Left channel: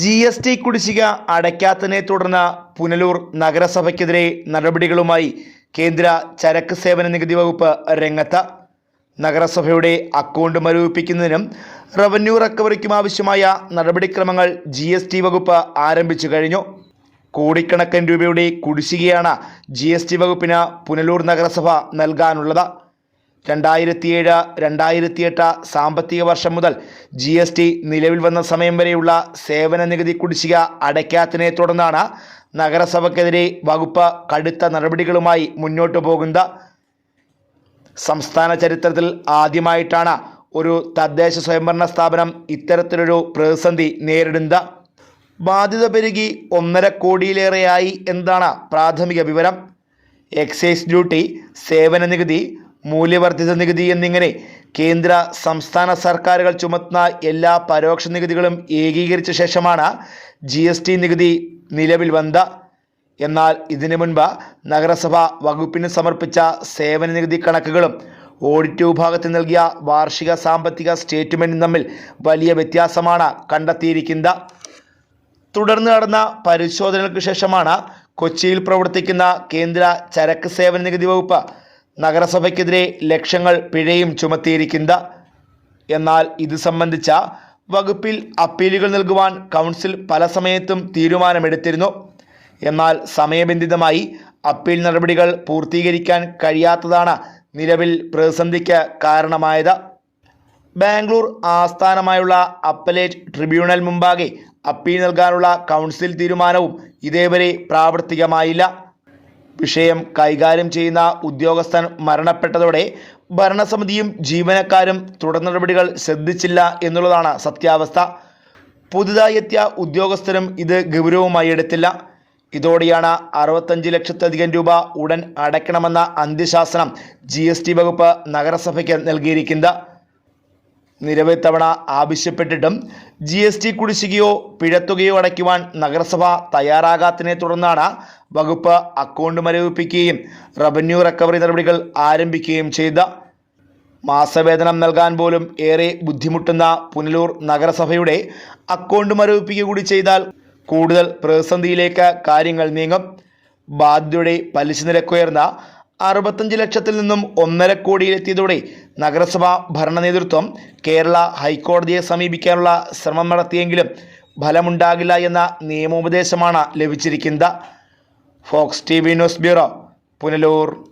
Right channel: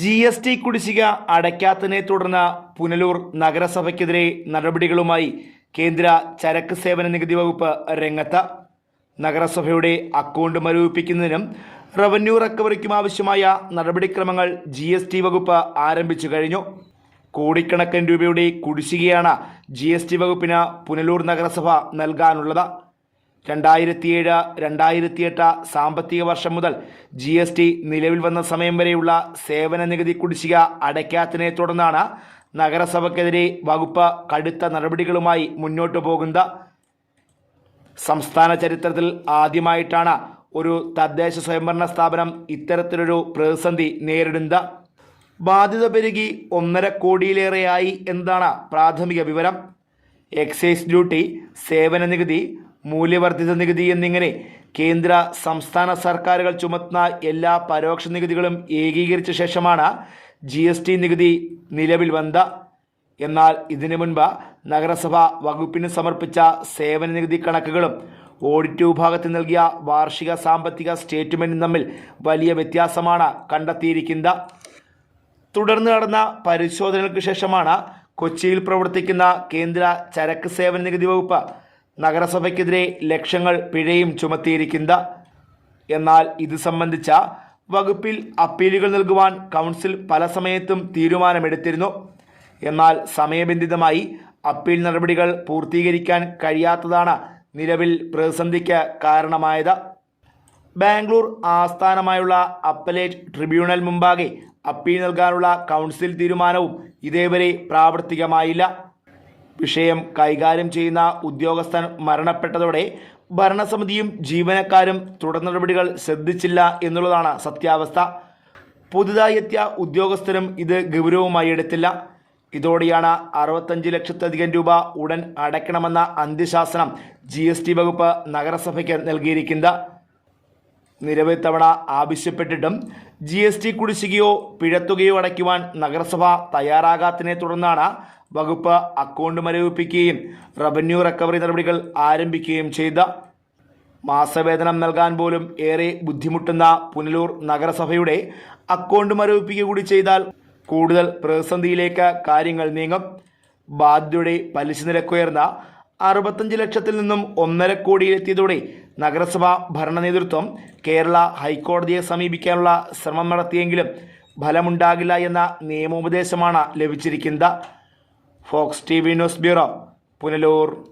G S T കുടിശ്ശിക അടയ്ക്കാത്തതിനെ തുടർന്ന് പുനലൂർ നഗരസഭയ്ക്കെതിരെ നടപടികളുമായി കേന്ദ്ര ചരക്ക് സേവന നികുതി വകുപ്പ് രംഗത്ത് നഗരസഭയുടെ അക്കൗണ്ട് മരവിപ്പിക്കുന്നതിനും റവന്യൂ റിക്കവറിക്കും ആവശ്യമായ നടപടിക്രമങ്ങൾ ജി എസ് ടി വകുപ്പ് ആരംഭിച്ചു കഴിഞ്ഞു. കോടിക്കണക്കിന് രൂപയുടെ കുടിശ്ശികയാണ് ജി എസ് ടി വകുപ്പിന് പുനലൂർ നഗരസഭ നൽകാനുള്ളത്. രണ്ടായിരത്തിയേഴ് രണ്ടായിരത്തിയെട്ട് സാമ്പത്തിക വർഷം മുതൽ ജി എസ് ടി നിലവിൽ വന്ന സമയം വരെയുള്ള സേവന നികുതി കുടിശ്ശിക അടയ്ക്കാത്തതിനെ തുടർന്നാണ് നഗരസഭയ്ക്കെതിരെ വകുപ്പ് കടുത്ത നടപടികളുമായി മുന്നോട്ടു പോകുന്നത്. സംസ്ഥാന ചരിത്രത്തിൽ ആദ്യമായിട്ടാണ് ഒരു തദ്ദേശ സ്വയംഭരണ സ്ഥാപനം ഇത്തരത്തിലൊരു പ്രതിസന്ധി നേരിടുന്നത്. ബാധ്യത പെരുകി ഒന്നര കോടിയിലേറെയായി എന്നാണ് പ്രാഥമിക വിവരം. എക്സൈസ് ഡ്യൂട്ടി സേവന നികുതി മൂല്യവർദ്ധിത നികുതി എന്നിങ്ങനെ കേന്ദ്ര സംസ്ഥാന സർക്കാരുകൾ ചുമത്തുന്ന എല്ലാ പരോക്ഷ നികുതികളും ഏകീകരിച്ച ശേഷമാണ് ജി എസ് ടി നികുതി നിലവിൽ വന്നത്. എന്നാൽ ഇതിനു മുൻപ് നഗരസഭ വകുപ്പിന് സമർപ്പിച്ച സേവന നികുതി കണക്കുകളും ഓഡിറ്റ് വിഭാഗത്തിൽ നൽകിയ വാർഷിക സാമ്പത്തിക സ്റ്റേറ്റ്മെന്റും തമ്മിൽ വലിയ വ്യത്യാസമാണ് കണ്ടെത്തിയിരിക്കുന്നത്. തുടർന്ന് നടന്ന പരിശോധനകൾക്ക് ശേഷമാണ് കൊച്ചിയിൽ പ്രവർത്തിക്കുന്ന കേന്ദ്ര ചരക്ക് സേവന നികുതി വകുപ്പ് നഗരസഭയ്ക്കെതിരെ ലക്ഷങ്ങൾ പിഴയും ചുമത്തിയിരിക്കുന്നത് എന്നാൽ ഇത് സംബന്ധിച്ച വകുപ്പിൽ അപ്പീലുകൾ നൽകുവാൻ കൗൺസിൽ പല സമയത്തും തീരുമാനമെടുത്തിരുന്നു. എന്നാൽ സമയബന്ധിതമായി അപ്പീൽ നടപടികൾ പൂർത്തീകരിക്കാൻ കഴിയാത്തതാണ് നിലവിൽ പ്രതിസന്ധിക്ക് കാരണമായത്. ബാംഗ്ലൂർ ആസ്ഥാനമായുള്ള അപ്പലേറ്റ് ട്രിബ്യൂണൽ മുമ്പാകെ അപ്പീൽ നൽകാനുള്ള കൗൺസിൽ തീരുമാനവും ഇതേവരെ പ്രാവർത്തികമായില്ല. വിഷയം കൈകാര്യം ചെയ്യുന്ന ഉദ്യോഗസ്ഥൻ മരണപ്പെട്ടതോടെ ഭരണസമിതിയും ജീവനക്കാരും തുടർ നടപടികൾ ശ്രദ്ധിച്ചില്ല എന്നുള്ളതാണ് സത്യാവസ്ഥ. പുതുതായി എത്തിയ ഉദ്യോഗസ്ഥരും ഇത് ഗൗരവമായി എടുത്തില്ല. ഇതോടെയാണ് അറുപത്തഞ്ച് ലക്ഷത്തിലധികം രൂപ ഉടൻ അടയ്ക്കണമെന്ന അന്ത്യശാസനം ജി വകുപ്പ് നഗരസഭയ്ക്ക് നൽകിയിരിക്കുന്നത്. നിരവധി തവണ ആവശ്യപ്പെട്ടിട്ടും ജി എസ് ടി കുടിശ്ശികയോ പിഴത്തുകയോ അടയ്ക്കുവാൻ നഗരസഭ തയ്യാറാകാത്തതിനെ തുടർന്നാണ് വകുപ്പ് അക്കൗണ്ട് മരവിപ്പിക്കുകയും റവന്യൂ റിക്കവറി നടപടികൾ ആരംഭിക്കുകയും ചെയ്ത. മാസവേതനം നൽകാൻ പോലും ഏറെ ബുദ്ധിമുട്ടുന്ന പുനലൂർ നഗരസഭയുടെ അക്കൗണ്ട് മരവിപ്പിക്കുക കൂടി ചെയ്താൽ കൂടുതൽ പ്രതിസന്ധിയിലേക്ക് കാര്യങ്ങൾ നീങ്ങും. ബാധ്യതയുടെ പലിശ നിരക്കുയർന്ന അറുപത്തഞ്ച് ലക്ഷത്തിൽ നിന്നും ഒന്നര കോടിയിലെത്തിയതോടെ നഗരസഭ ഭരണ നേതൃത്വം കേരള ഹൈക്കോടതിയെ സമീപിക്കാനുള്ള ശ്രമം നടത്തിയെങ്കിലും ഫലമുണ്ടാകില്ല എന്ന നിയമോപദേശമാണ് ലഭിച്ചിരിക്കുന്നത്. Fox T V news bureau Punalur.